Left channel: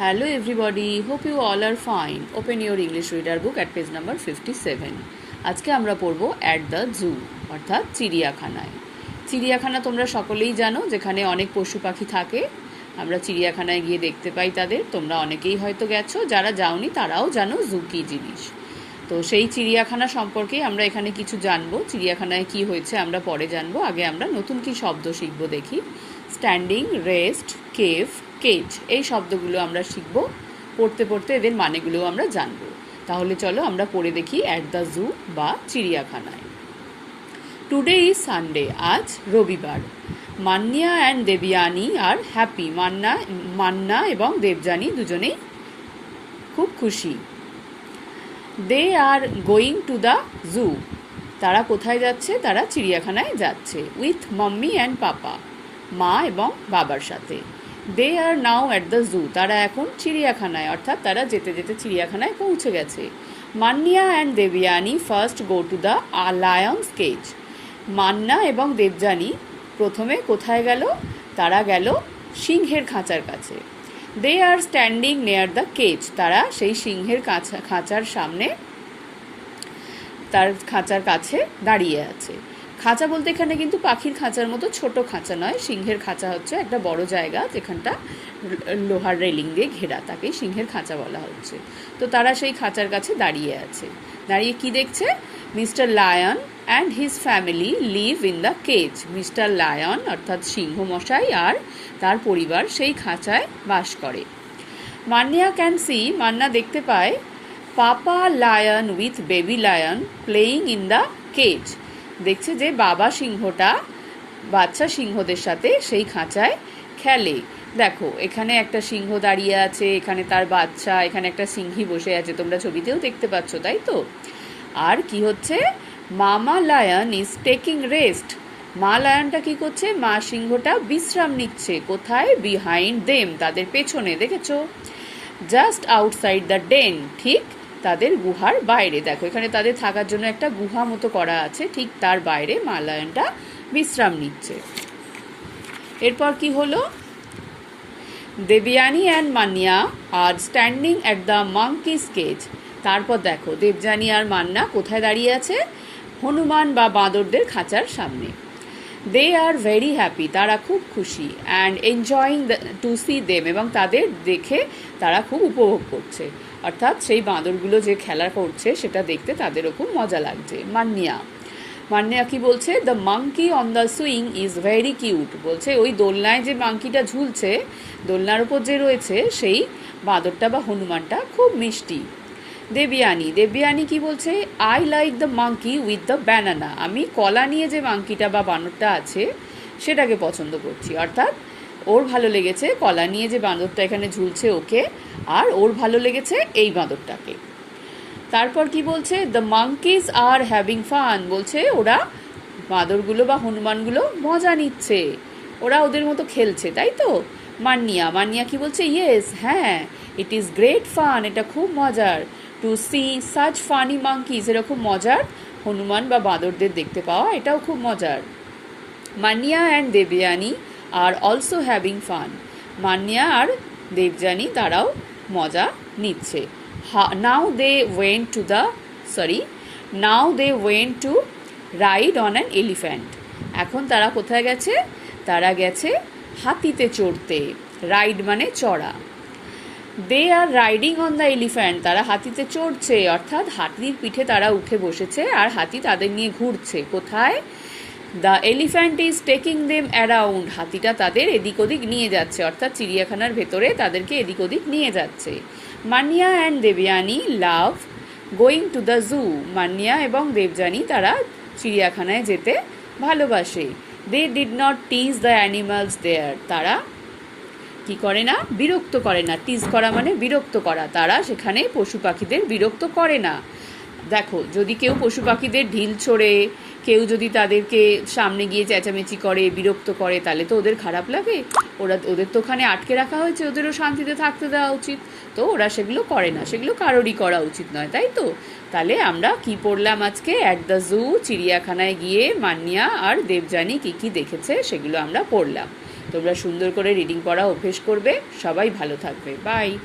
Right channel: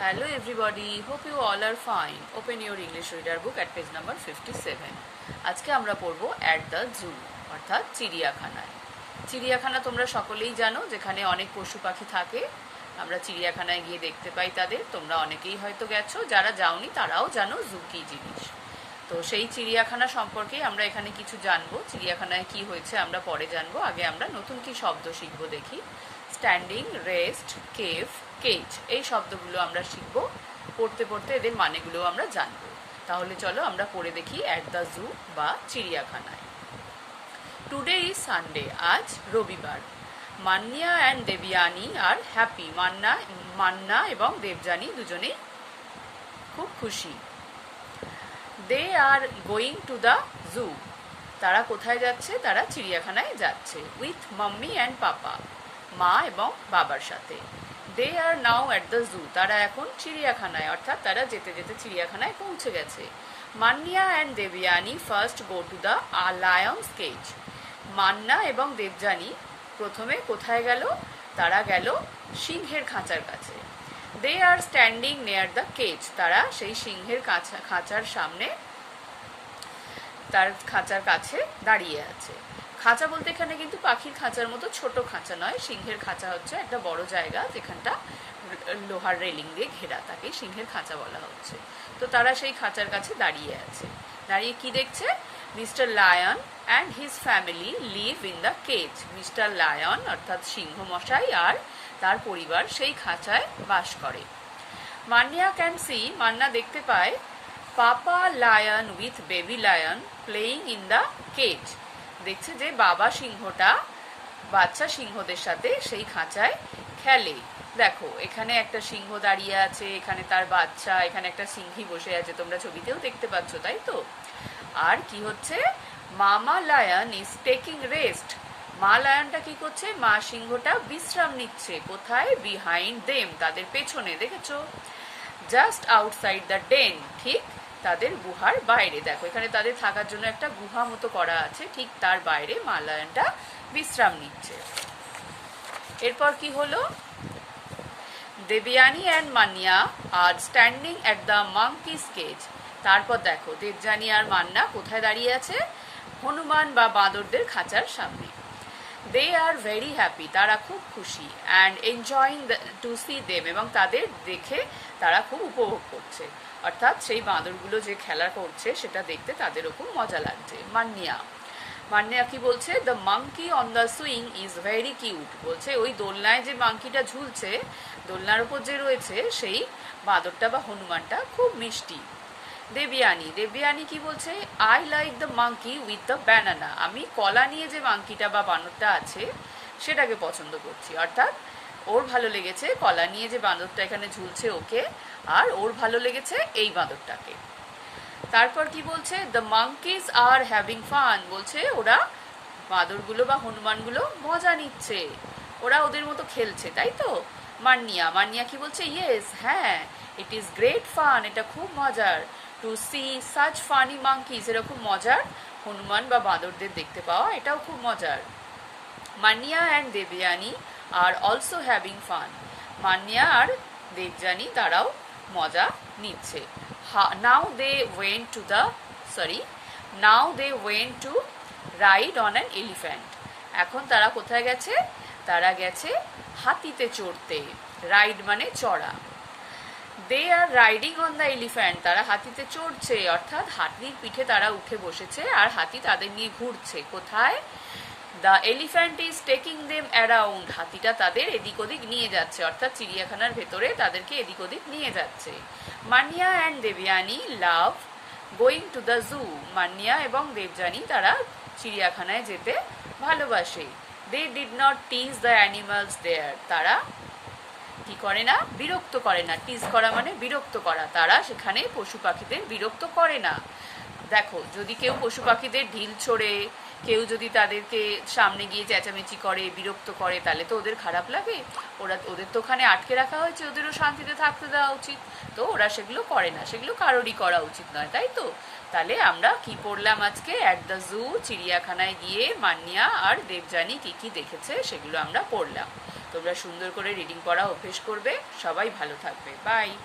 Hello everybody, hope you all are fine. Open your English reader book at page number 57. আজকে আমরা পড়ব at the zoo অর্থাৎ চিড়িয়াখানায়। চিড়িয়াখানা তোমরা সকলেই জানো, যেখানে অনেক পশু পাখি থাকে। আমরা চিড়িয়াখানায় গিয়ে দেখতে পাই তাদের। তোমরা অনেকেই হয়তো গেছো, যারা যাওনি তারাও জানো জু কি জিনিস। তো সেই চিড়িয়াখানা সম্পর্কেই আমরা এখানে কিছু জানবো। চিড়িয়াখানায় কি হয়েছে আমরা পরে জানবো। আগে আমরা নতুন কি শব্দ শিখবো দেখি। স্ট্যান্ডিং, রেস্ট, কেভ, কেজ, এই শব্দগুলো আমরা শিখব। পড়তে পড়তে এদের মানেগুলো আমরা জানবো। তাহলে চলো আমরা পড়ে দেখি অ্যাট দ্য জু বা চিড়িয়াখানায়। টুডে ইজ সানডে, আজ রবিবার। মান্না অ্যান্ড দেবযানী আর হ্যাপি। মান্না এবং দেবযানী দুজনেই খুব খুশি। They are going to the zoo. তারা কোথায় যাচ্ছে? তারা চিড়িয়াখানায় যাচ্ছে। উইথ মাম্মি অ্যান্ড পাপা, মা এবং বাবার সাথে। দে আর নাও অ্যাট দ্য জু। তারা এখন চিড়িয়াখানায়, অর্থাৎ তারা যেতে যেতে চিড়িয়াখানায় পৌঁছে গেছে। Manna and Debjani first go to the lions cage. Manna এবং দেবযানী প্রথমে কোথায় গেল? তারা গেল সিংহের খাঁচার কাছে। দে আর স্ট্যান্ডিং নেয়ার দ্য কেজ। তারা সেই সিংহের খাঁচার সামনে, তার খাঁচার কাছে দাঁড়িয়ে আছে। খাঁচা বলতে এখানে কিন্তু পাখির খাঁচার মতো ছোট খাঁচা নয়। সিংহের খাঁচা হচ্ছে একটা বড় জায়গা, যেখানটা লোহার রেলিং দিয়ে ঘেরা, তাকে সিংহের খাঁচা বলা হচ্ছে। তো তারা সেই খাঁচার কাছে দাঁড়িয়ে আছে। দাঁড়িয়ে কি দেখছে? Mister lion and his family live in the cage. Mister lion অর্থাৎ সিংহ মশাই আর তার পরিবার সেই খাঁচায় বাস করে। মান্না ক্যান সি, মান্না দেখতে পায়, papa lion with baby lion playing in the cage. দেখছে যে বাবা সিংহটা বাচ্চা সিংহদের সাথে সেই খাঁচায় খেলে। দেখো এখানে একটা সিংহ দাঁড়িয়ে আছে, এখানে তার বাচ্চা, এখানে একটা সিংহী বসে আছে, তোমরা ছবিতেও দেখতে পাচ্ছ, তাই তো? আর কি হচ্ছে? মামা লায়ন ইজ টেকিং রেস্ট। মা লায়নটা কি করছে? মা সিংহটা বিশ্রাম নিচ্ছে। কোথায়? বিহাইন্ড দেম, তাদের পেছনে, দেখেছো? জাস্ট আউটসাইড দ্য ডেন, ঠিক তাদের গুহার বাইরে। দেখো এখানে তাদের থাকার জন্য একটা গুহা মতো করা আছে, ঠিক তার বাইরে মা লায়নটা বিশ্রাম নিচ্ছে। এরপর কি হলো? Debjani and Manna are standing at the monkeys cage. তারপর দেখো দেবযানী আর মান্না কোথায় দাঁড়িয়ে আছে? হনুমান বা বাঁদরদের খাঁচার সামনে। দে আর ভেরি হ্যাপি, তারা খুব খুশি। And enjoying to see them, এবং তাদের দেখে তারা খুব উপভোগ করছে। অর্থাৎ সেই বাঁদরগুলো যে খেলা করছে সেটা দেখতে তাদেরও খুব মজা লাগছে। মান্না কি বলছে? The monkey on the swing is very cute. বলছে ওই দোলনায় যে মাঙ্কিটা ঝুলছে, দোলনার উপর যে রয়েছে সেই বাঁদরটা বা হনুমানটা খুব মিষ্টি। দেবযানী কি বলছে? I like the monkey with the banana. আমি কলা নিয়ে যে মাঙ্কিটা বা বানরটা আছে সেটাকে পছন্দ করছি। অর্থাৎ ওর ভালো লেগেছে কলা নিয়ে যে বাঁদরটা এখানে ঝুলছে ওকে, আর ওর ভালো লেগেছে এই বাঁদরটাকে। তারপর কি বলছে? The monkeys are having fun. বলছে ওরা বাঁদরগুলো বা হনুমানগুলো মজা নিচ্ছে, ওরা ওদের মতো খেলছে, তাই তো? মান্না কি বলছে? ইয়েস, হ্যাঁ, ইট ইজ গ্রেট ফান, এটা খুব মজার। To see such funny monkeys, এরকম মজার হনুমান বা বাঁদরদের দেখতে পাওয়া এটাও খুব মজার। Manna and Debjani are also having fun. Manna আর দেবযানী তারাও মজা নিচ্ছে। Now they went to ride on an elephant. এখন তারা কোথায় গেছে? তারা গেছে হাতিতে চড়তে। রাইড মানে চড়া। দে আর রাইডিং অন দ্য এলিফ্যান্ট, তারা হাতিতে চড়ছে, অর্থাৎ হাতির পিঠে তারা উঠে বসেছে আর হাতি তাদের নিয়ে ঘুরছে। কোথায়? The elephant is taking them around, হাতিটা তাদের এদিক ওদিক নিয়ে যাচ্ছে, অর্থাৎ চিড়িয়াখানার ভেতরে তাদেরকে এদিক ওদিক নিয়ে যাচ্ছে। Manna and Debjani love going to the zoo. Manna এবং দেবযানী তারা চিড়িয়াখানায় যেতে ভালোবাসে। They did not tease the animals there, তারা কি করে না? বিরক্ত করে না। টিজ করা মানে বিরক্ত করা। তারা সেখানে পশু পাখিদের বিরক্ত করে না। দেখো যদি কেউ পশু পাখিদের ঢিল ছোড়ে, কেউ যদি তাদেরকে সামনে গিয়ে চেঁচামেচি করে, বিরক্ত করে, তাহলে তো ওদের খারাপ লাগে। ওদের তো ওখানে আটকে রাখা হয়েছে, ওদেরও শান্তিতে থাকতে দেওয়া উচিত। তো ওরা সেগুলো করে না, সেগুলো কারোরই করা উচিত নয়, তাই তো? তাহলে আমরা কি পড়লাম আজকে? অ্যাট দ্য জু, চিড়িয়াখানায় গিয়ে মান্না আর দেবযানী কি কি দেখেছে সেগুলো আমরা পড়লাম। তোমরা সুন্দর করে রিডিং পড়া অভ্যেস করবে। সবাই ভালো থাকবে। বাই।